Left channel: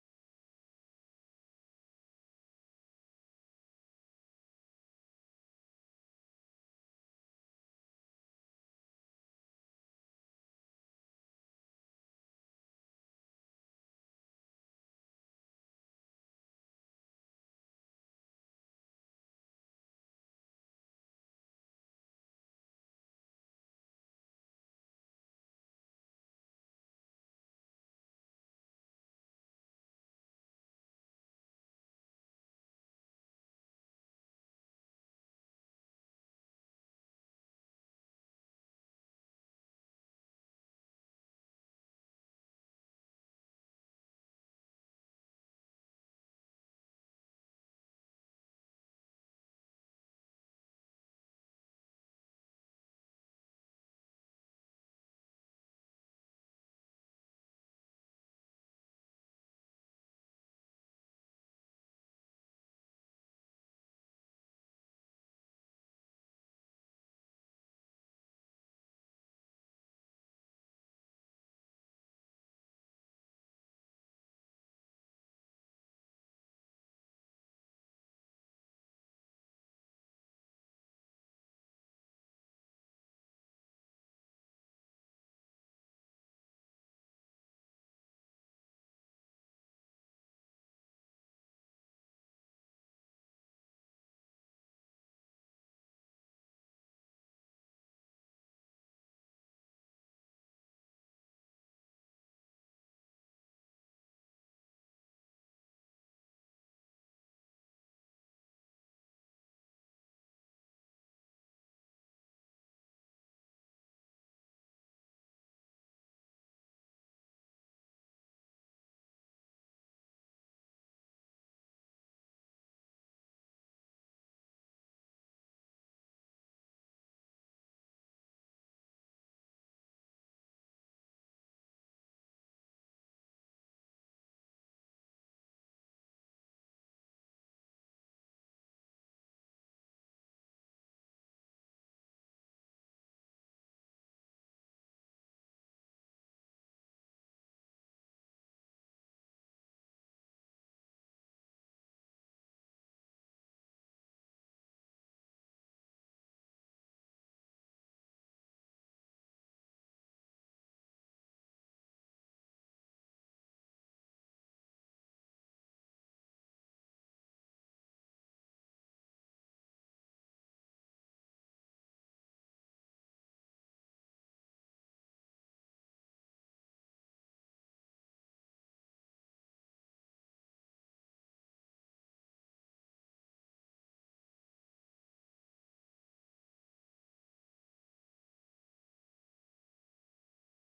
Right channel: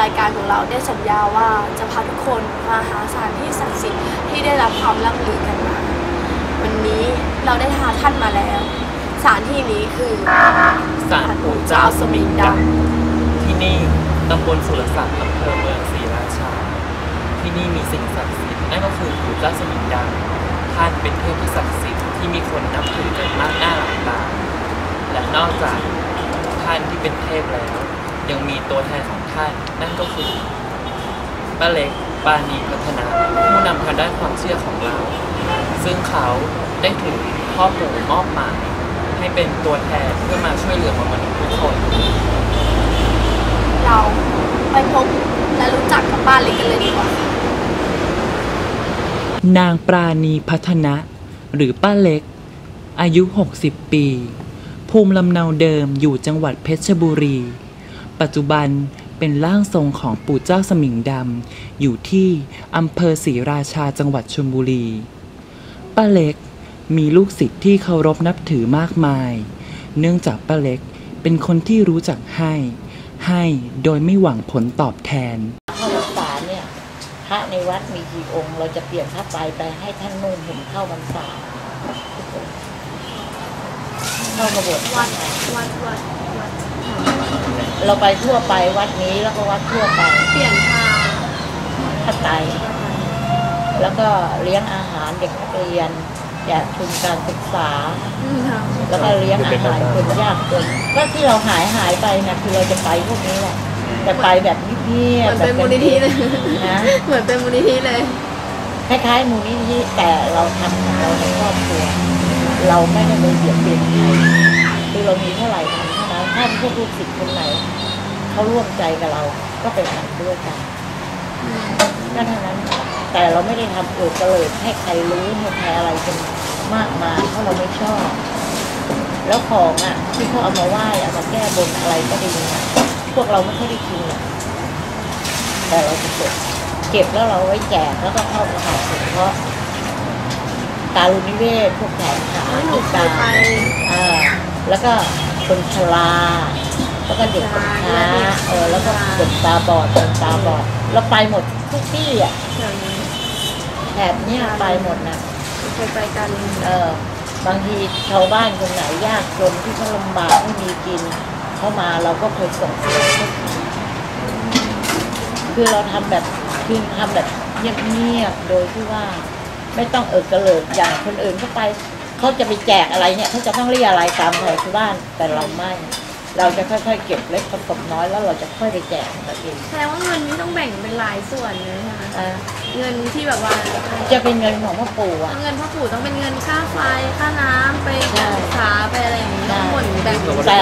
รายการของเราได้สัญญาว่าจะพาทุกคนมาหาสถานที่ศักดิ์สิทธิ์ที่ได้รับความร่ำลือกันมา วันนี้เราได้หาท่านมาแล้วสถานที่นี้คือศาลปู่เจ้าสมิงดำที่นี่ตำบลสุรศักดิ์อำเภอเมืองศรีราชา ที่นี่มีสิ่งศักดิ์สิทธิ์นั่นก็คือปู่เจ้าสมิงดำท่านเป็นเทพที่ศักดิ์สิทธิ์ที่มีคนนับถือกันมากหน้าหลายตาและนอกจากท่านที่เป็นเทพแล้ว ยังมีตัวแทนของท่านนั่นก็คือป้าเล็กปานีพัฒนาผู้นำทางด้านความเชื่อของเรา ซึ่งเขาได้ถูกพ่อปู่มอบหมายให้เป็นตัวแทนเพื่อมาช่วยเหลือมนุษย์ทุกคน เราไปพบและรู้จักกับป้าเล็กกันเลยดีกว่าค่ะนางปราณีพัฒนะ หรือป้าเล็ก อายุ 60 ปี ภูมิลำเนาเดิมอยู่จังหวัดเพชรบุรี ปัจจุบันเป็นร่างทรงของปู่เจ้าสมิงดำ อยู่ที่อำเภอศรีราชาจังหวัดชลบุรี ป้าเล็กมีลูกศิษย์ที่เคารพนับถือมากมาย เนื่องจากป้าเล็กเป็นคนที่รู้จักให้ ให้โดยไม่หวังผลตอบแทนเข้าพรรษาเนี่ยพระในวัดมีกี่องค์ เราจะเปลี่ยนผ้าไตรไปให้ท่านนุ่งห่มเข้าพรรษาทุกองค์เข้ากระบวนวัดวัดวัดวัด เราไปทั่วไปวัดนี้แล้วก็วัดทั่วไปเปลี่ยนทางผ้าไตรแล้วก็เลี้ยงอาหารเด็กนักเรียนอยากทุนการศึกษาอืมค่ะแล้วก็เลี้ยงอาหารคนยากจนก็ที่เราหายหายไปนะคือเราจะไปพวกนี้แหละแต่ไปแบบเงียเหมืบอนๆแบบเป็นมูลนิธิเลยนะเหมือนเป็นมูลนิธิเลยคล้ายๆมูลนิธิแต่เราทำของเราในครอบครัว เราไม่ได้ไปเบียดเบียนใครคือเรามีเท่าไหร่ทำเท่านั้น ถ้าพวกลูกศิษย์คนไหนเขาร่วมใจกับเรา ก็ไปทำด้วยกันก็เท่านั้น แต่เราไม่ได้ทำเอิดกระเลิดให้ใครรู้ให้ใครอะไรกันมากมายเพราะเราไม่ชอบ แล้วของอะ ที่เขาเอามาไหว้เอามาแก้บนอะไรก็ดีนะพวกเราไม่ค่อยได้กินหรอกแต่เราจะเก็บเก็บแล้วเราไว้แจกแล้วก็เข้ากระเป๋าสงเคราะห์การุณิเวศพวกแขนขาหนูเคยไปอ่าแล้วก็ คนชราแล้วก็เด็กกำพร้าเออแล้วก็เด็กตาบอดคนตาบอดเราไปหมดทุกที่อะแถวนี้แถบเนี้ยไปหมดนะเคยไปกันเออบางทีชาวบ้านคนไหนยากจนที่เขาลำบากไม่มีกินเข้ามาเราก็เคยส่งเสื้อให้เขาคือเราทำแบบคือทำแบบเงียบๆโดยที่ว่า ไม่ต้องเอิกกระเลิกอย่างคนอื่นเข้าไป เขาจะไปแจกอะไรเนี่ยเขาจะต้องเรียอะไรตามแถวชาวบ้านแต่เราไม่ เราจะค่อยๆเก็บเล็กผสมน้อยแล้วเราจะค่อยไปแจกกันเองแสดงว่าเงินนี้ต้องแบ่งเป็นหลายส่วนเลยใช่ไหมอ่าเงินที่แบบว่าจะเป็นเงินของพ่อปู่อะ เงินพ่อปู่ต้องเป็นเงินค่าไฟค่าน้ำไปใช่การศึกษาไปอะไรอย่างนี้ใช่ทั้งหมดแบ่งเป็น แต่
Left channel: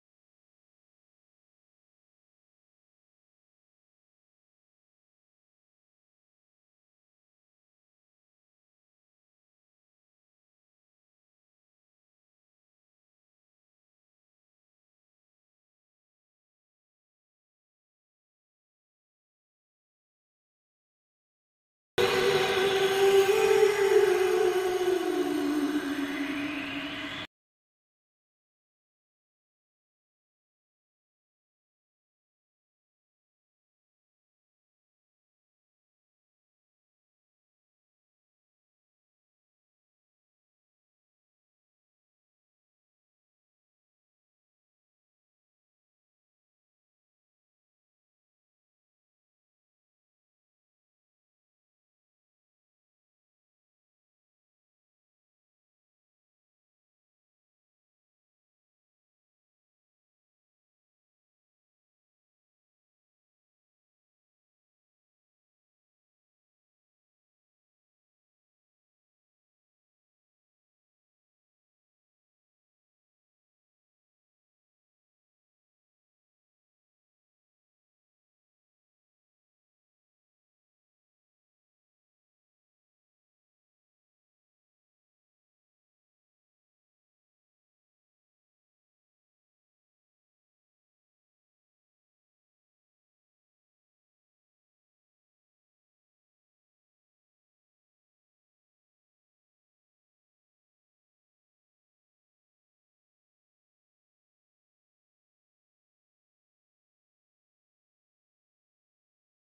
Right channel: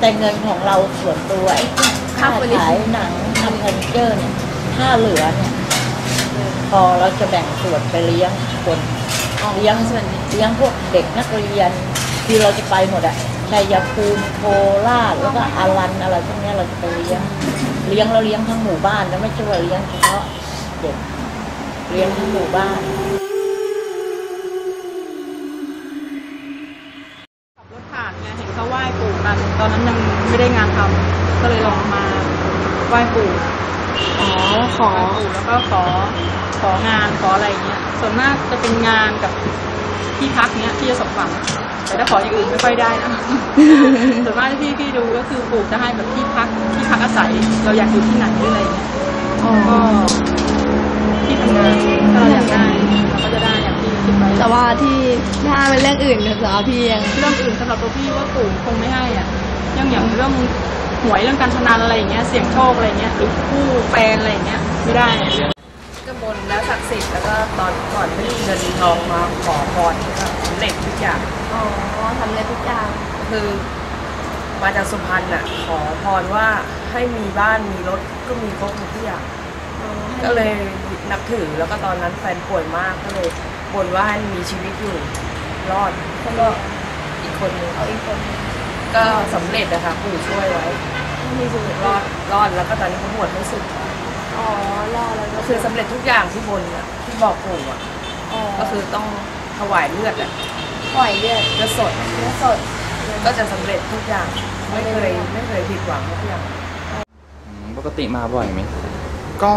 แต่เงินของเราส่วนตัวไอ้ที่ค่าค่าบริขายหนังทำเฟอร์นิเจอร์เนี่ยถ้าเหลือเนี่ยพอเราจะแบ่งส่วนไปเลี้ยงคน เลี้ยงส่วนนี้เลี้ยงพวกเด็กนักเรียนที่เราจะไปหมดอะชัยภูมิโคราชแล้วก็อารันอะไรพวกนี้เราจะไปเลี้ยง เลี้ยงเราเลี้ยงทั้งหมู่บ้านนะไม่ใช่ว่าเลี้ยงเฉพาะเด็กเลี้ยงทั้งหมู่บ้าน ของานขออะไรเงี้ยส่วนมากจะเป็นงานกับที่พักเนี้ยที่จะสมหวังแต่ถ้าขออย่างอื่นไม่ค่อยได้นะส่วนมากที่พี่พี่ดูก็คือปู่จะให้แบบที่พักที่พักอาศัย เราอยากอยู่ที่ไหนหรืออะไรเงี้ยอ๋อก็ที่ทำงานถ้าเราอยากได้เราก็จะได้อย่างที่คิดไว้แต่ว่าที่ถ้าเป็นเรื่องอื่นเนี่ยสำหรับพี่ยังเรื่องอื่นสำหรับตัวพี่ว่าปู่คงไม่ให้อะยังอย่างเรื่องหวยเรื่องการพนันอะไรอย่างเงี้ยเสี่ยงโชคอะไรเงี้ยหรือคู่แฟนอะไรอย่างเงี้ยไม่ได้ ก็บนแล้วศักดิ์สิทธิ์แล้วก็ตอนก่อนไม่มีเงินมีทองมาขอพรก็สำเร็จทุกอย่าง อ๋อทำเลยทุกอย่างคือมาจากสุพรรณอะขอพรว่าให้มีบ้านมีรถก็มีครบทุกอย่างก็เลยนับถือแล้วก็ตอนนั้นแฟนป่วยมากก็เลยบนว่าให้มีชีวิตอยู่รอดแล้วก็อีกคนนึงเอาอีกคนก็สำเร็จนะคะปู่ช่วยไว้ มีชีวิตรอดรอดแล้วก็ตอนนี้เขาบวชไม่สุด อ๋อรอแล้วก็คือสำเร็จทุกอย่างที่บนอะที่บอกปู่อะอ๋อก็คือต้องถวายเลือดอะปล่อยเลือดเลือดสดเลือดสดก็จะสำเร็จทุกอย่างไม่เคยไม่เคยผิดหวังทุกอย่างปกติมาบ่อยไหมก็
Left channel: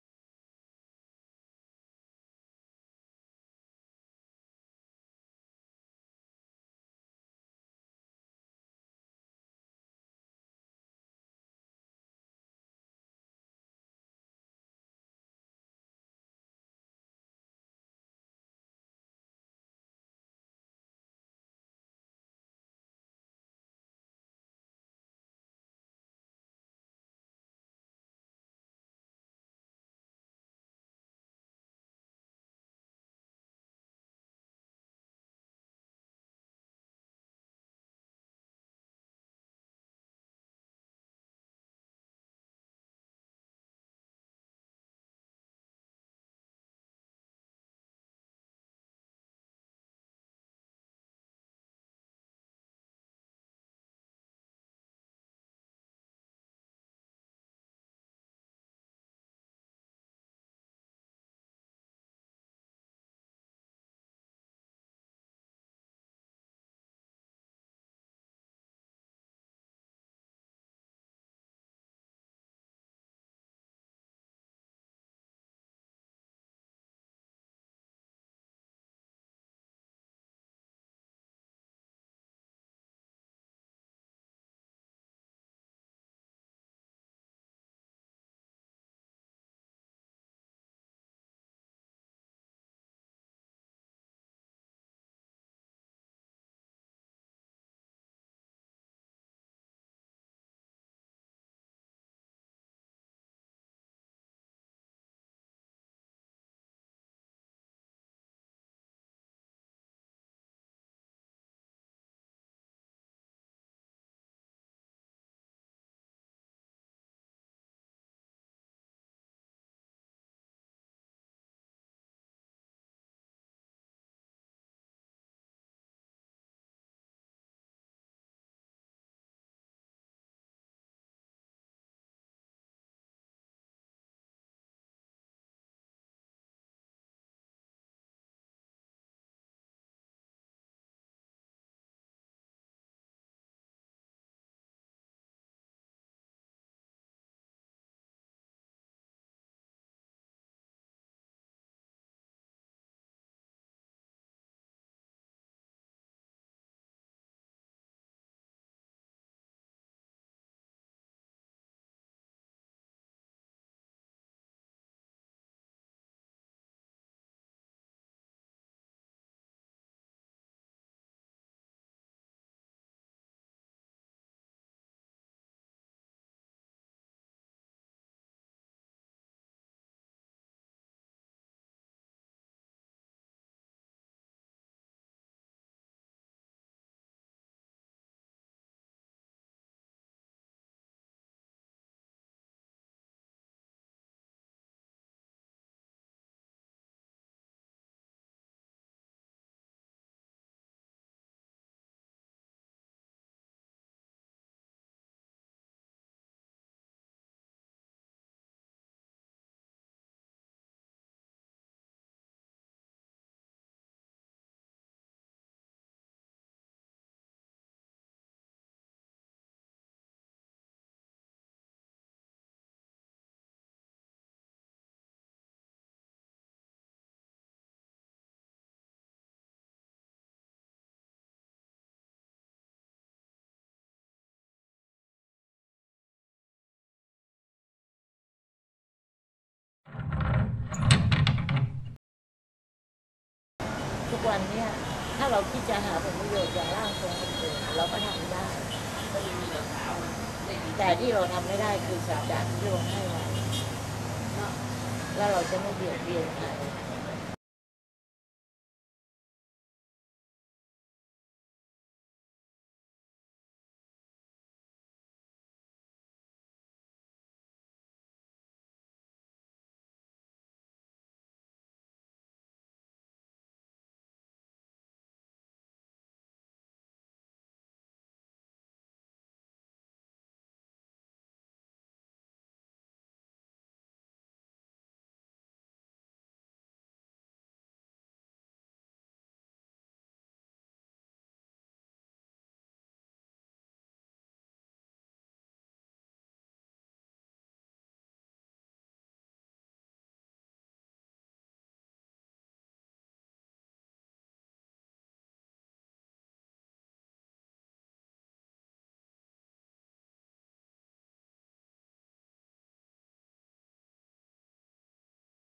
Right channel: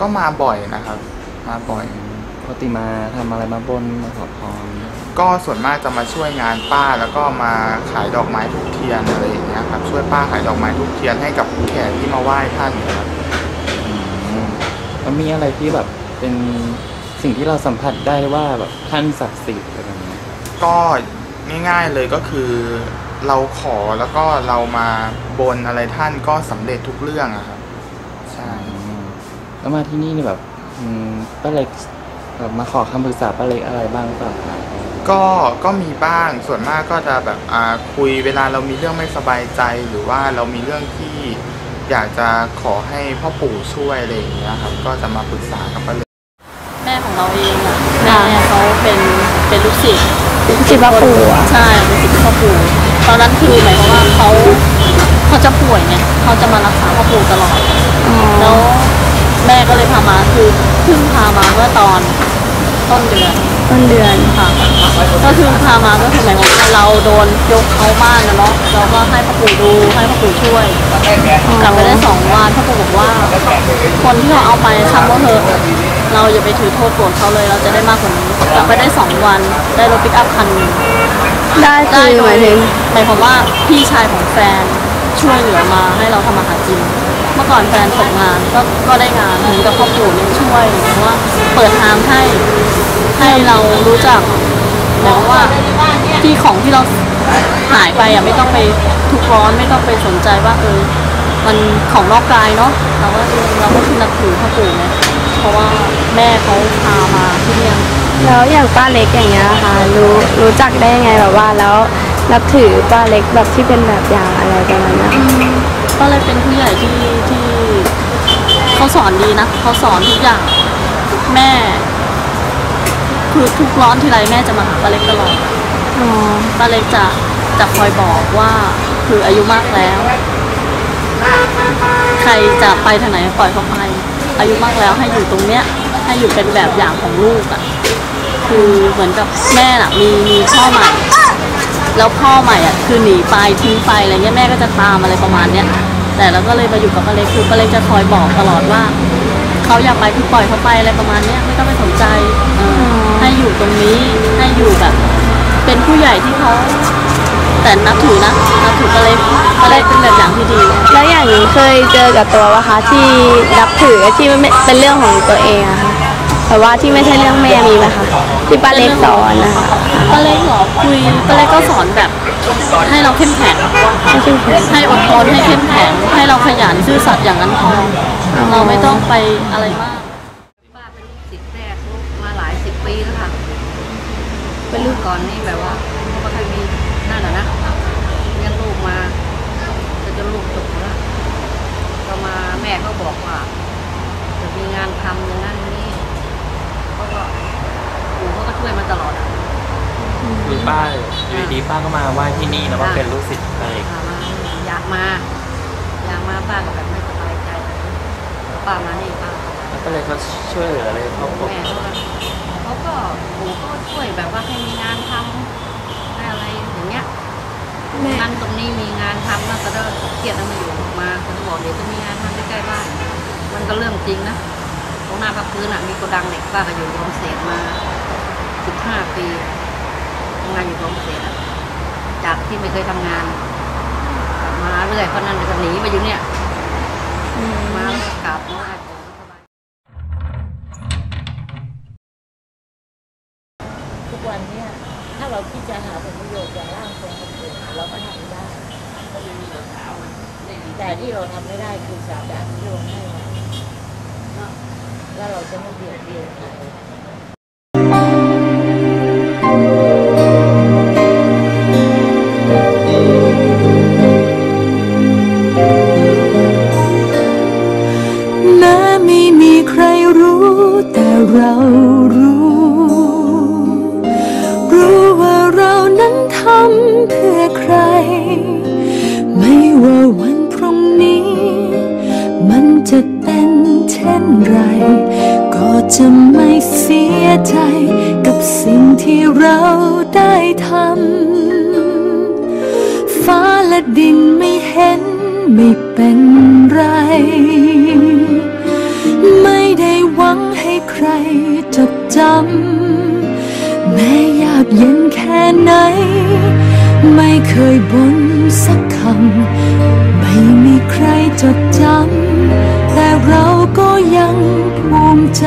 ก็มาบ่อยนะครับ มาบ่อยปกติมาทำอะไรมาบนมาขอพรก็ส่วนมากจะมาช่วยงานป้าแล้วก็มาขายดอกไม้ทุกเทียนอะไรอย่างเงี้ยครับช่วยป้าขายดอกไม้ทุกเทียนให้กับแขกที่มาไหว้ท่านครับอื มแล้วมีอะไรที่แบบเป็นสิ่งที่เราสัมผัสได้ว่าแบบท่านศักดิ์สิทธิ์อะไรแบบนี้ก็ง่ายๆเลยก็คือเราขอแล้วก็เรามาบนอะไรท่านก็สำเร็จทุกเรื่องอะครับใช่อืมแล้วมาที่นี่นี่แบบอืมป้าเล็กแบบมาขอคำปรึกษาป้าเล็กอะไรบ้างหรือเปล่าครับก็ก็มีบ้างส่วนมากก็จะแบบอ่าคุยเวลาเรามีเรื่องไม่สบายใจ หรือว่าเรามีเรื่องที่ อยากจะขอให้พ่อปู่ช่วยอะไรอย่างเงี้ยครับ ก็จะมาปรึกษากับป้าเล็กแม่ของเราเองอะแม่เขาเป็นเป็นลูกศิษย์จิบาปูอะใช่เป็นศิษย์พ่อปู่ตอนนั้นคือหมายความว่าเขาเขาจะป่วยไงเขาจะมารักษาพ่อปู่ตลอดแล้วแม่ก็เลยพามาคือเพิ่งพามาเมื่อตอน ต้นเดือนต้นเดือนค่ะก็คือพามาก็คือหมายความว่าเราโดนยกเขาบ้านนะเนาะเราก็ให้พ่อปู่ดูให้พ่อปู่ช่วย กลับไปได้สองวันพ่อปู่บอกว่า คนที่เขาเอาไปทำว่าเถอะเราอย่าไปถือโทษโกรธเขาเลยเราจะได้มากกว่านี้กลับไปได้สองวันได้รถปิกอัพคันหนึงได้คืได้อโดหมายยถึงหมายความว่าพี่ชายของแฟนช่วยเหลือมาให้เราทำอาหารกินเมื่อก่อนแฟนตกงานก็ก็ได้งานเหมือนกับครอบครัวเนี่ยช่วยหมายความว่าเปิดทางให้ ให้เรารู้จักหมายความว่าที่ของที่เราหายไปอะไม่ต้องไปทุกข์ร้อนไม่ต้องไปสนใจว่าเออมันของนอกกายเนาะเราก็เราก็คือนับถือพ่อปู่เนี่ยเพราะว่าแม่เขาพามาที่เนี่ยแล้วอย่างป้าเล็กอย่างเงี้ยค่ะรู้รู้จักได้ยังไงแบบว่าแล้วนับถือป้าเล็กแบบที่เป็นแบบอย่างอะไรประมาณเนี้ยก็เลยเป็นผู้ใหญ่ที่ที่เขาสอนดีนะเขาสอนทุกอย่างแม่ คือทุกร้อนทีไรแม่จะมาหาป้าเล็กตลอดอ๋อป้าเล็กจะจะคอยบอกว่าคืออายุมากแล้ว ใครจะไปทางไหนปล่อยเขาไป อายุมากแล้วให้อยู่ตรงเนี้ย ให้อยู่เป็นแบบอย่างของลูกอะ่ะ คือเหมือนกับแม่น่ะมีมีพ่อใหม่ แล้วพ่อใหม่อะคือหนีไปทิ้งไปอะไรเงี้ยแม่ก็จะตามอะไรประมาณเนี้ย แต่เราก็เลยมาอยู่กับป้าเล็กคือป้าเล็กจะคอยบอกตลอดว่าเขาอยากไปคือปล่อยเขาไปอะไรประมาณเนี้ยไม่ต้องไปสนใจเออให้อยู่ตรงนี้ให้อยู่แบบ เป็นผู้ใหญ่ที่เขาแต่นับถือนะนับถือป้าเล็กป้าเล็กเป็นแบบอย่างที่ดี แล้วอย่างนี้เคยเจอกับตัววะคะที่นับถือที่ไม่เป็นเรื่องของตัวเองอะค่ะแต่ว่าที่ไม่ใช่เรื่องแม่มีไหมคะที่ป้าเล็กสอนนะคะป้าเล็กเหรอคุยป้าเล็กก็สอนแบบ ให้เราเข้มแข็งไม่ใช่แค่ให้อดทนให้เข้มแข็งให้เราขยันซื่อสัตย์อย่างนั้นพอเราไม่ต้องไปอะไรมาก ป้าเป็นลูกศิษย์แรกลูกมาหลายสิบปีแล้วค่ะ เป็นลูกก่อนนี่แบบว่าไม่ค่อยมีนั่นน่ะนะเลี้ยงลูกมาจะจนลูกจบแล้วก็มาแม่ก็บอกว่าจะมีงานทำอย่างนั้นอย่างนี้เขาก็ปู่เขาก็ช่วยมาตลอดอะ คือป้าอยู่ดีๆป้าก็มาไหว้ที่นี่แล้วก็เป็นลูกศิษย์ป้าเล็กพามาอยากมา อยากมาป้าก็แบบไม่สบายใจป้ามานี่ป้า แล้วก็เลยเขาช่วยเหลือเลยเขาบอกแม่เขาก็ เขาก็ปู่เขาก็ช่วยแบบว่าให้มีงานทำให้อะไรอย่างเงี้ยนั่นตรงนี้มีงานทำแล้วก็เริ่มเครียดแล้วมาอยู่มาเขาก็บอกเดี๋ยวจะมีงานทำใกล้ๆบ้านมันก็เรื่องจริงนะตรงหน้าพักพื้นอะมีโกดังเหล็กป้าก็อยู่โรงเศษมาสิบห้าปีทำงานอยู่โรงเศษอะจากที่ไม่เคยทำงานกลับมาเรื่อยเพราะนั้นก็หนีมาอยู่เนี่ยมาแล้วก็กลับมาไหว้ปู่สบาย ทุกวันเนี่ยถ้า เราคิดจะหาผลประโยชน์อย่างร่างทรงคนอื่นเราก็ทำได้ แต่ที่เราทำไม่ได้คือสาบานที่เราให้ไว้แล้วเราจะไม่เบียดเบียนใคร ที่เราได้ทำฟ้าและดินไม่เห็นไม่เป็นไร ไม่ได้หวังให้ใครจดจำแม้ยากเย็นแค่ไหน ไม่เคยบ่นสักคำไม่มีใครจดจำแต่เราก็ยังภูมิใจ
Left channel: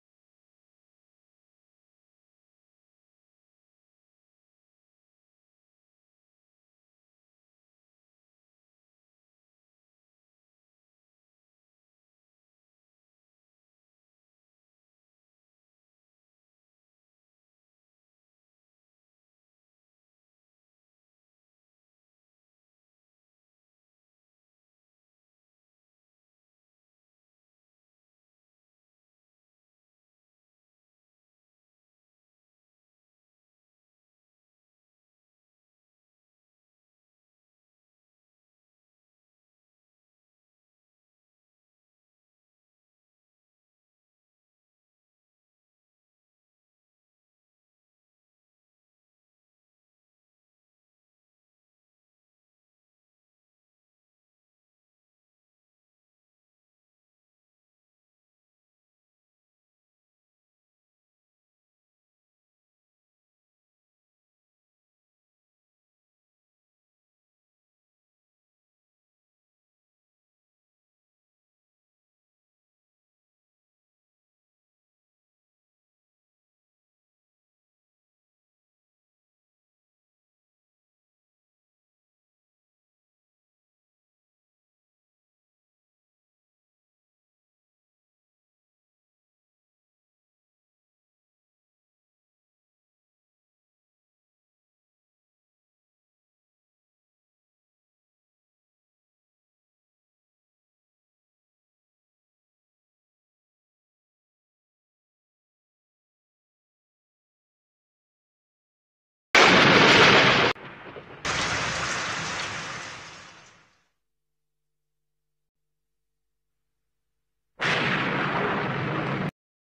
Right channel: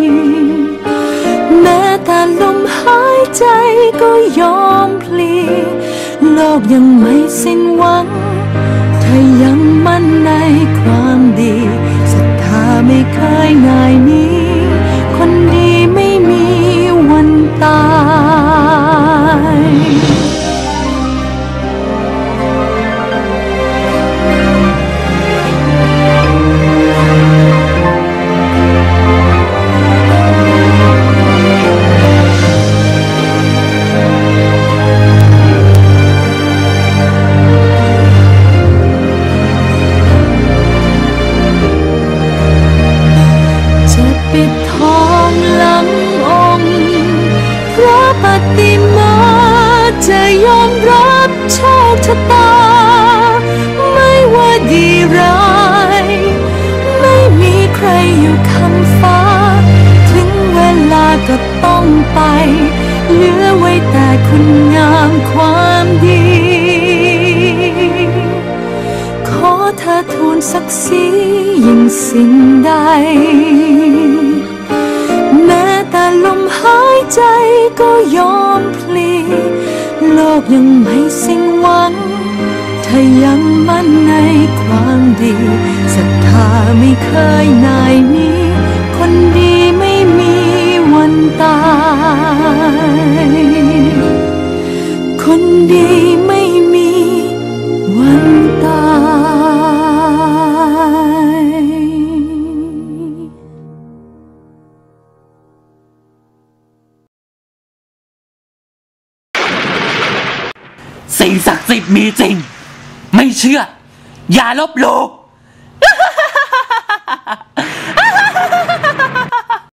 ใจก็ยอมพลีโลกยังไม่สิ้นหวัง ถ้ายังมั่นในความดีศรัทธาไม่เคยง่ายนี้ คุณงามความดี ขอเธอทูลศักดิ์ศรียิ่งสิ่งใด แม้แต่ลมหายใจก็ยอมพลี โลกยังไม่สิ้นหวัง เธอยังมั่นในความดีศรัทธาไม่เคยนายหนี้ ดีไม่มีวันตาย สิ่งศักดิ์สิทธิ์มีจริง ไม่เชื่อ อย่าลบหลู่